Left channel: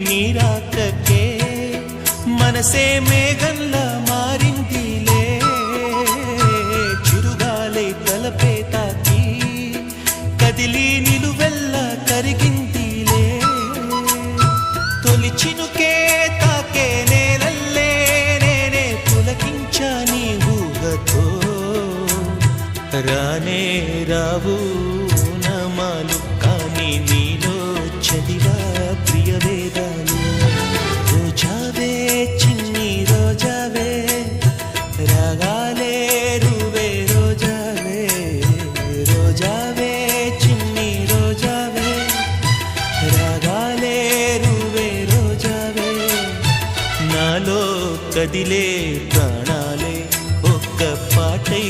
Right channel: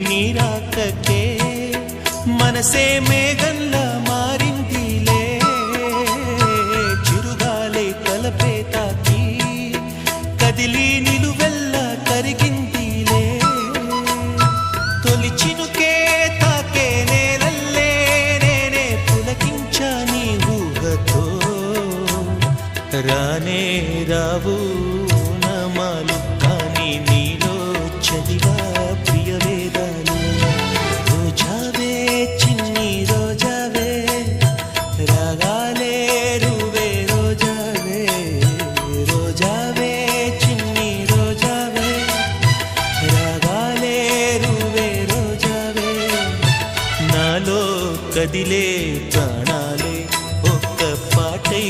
నీరాకకే మనసే మేఘంలా మారిందిలే, చిరుగాలై తలపే తాకి కదిలి నిలువెల్లా కరిగిందిలే, తొలి చినుకే తాకే నేలల్లే నేనే పులకించా నీ ఊహతో, రానే రావు నమాలు కానీ నీలో చదివా ప్రియ వేదాలు. రోజావే చిన్ని రోజావే రాగాలే రువే రోజావే, రోజావే చిన్ని రోజావే రాగాలే రువే రోజావే, నాలో కదిలే ప్రాణాలే ఒక్క పాటై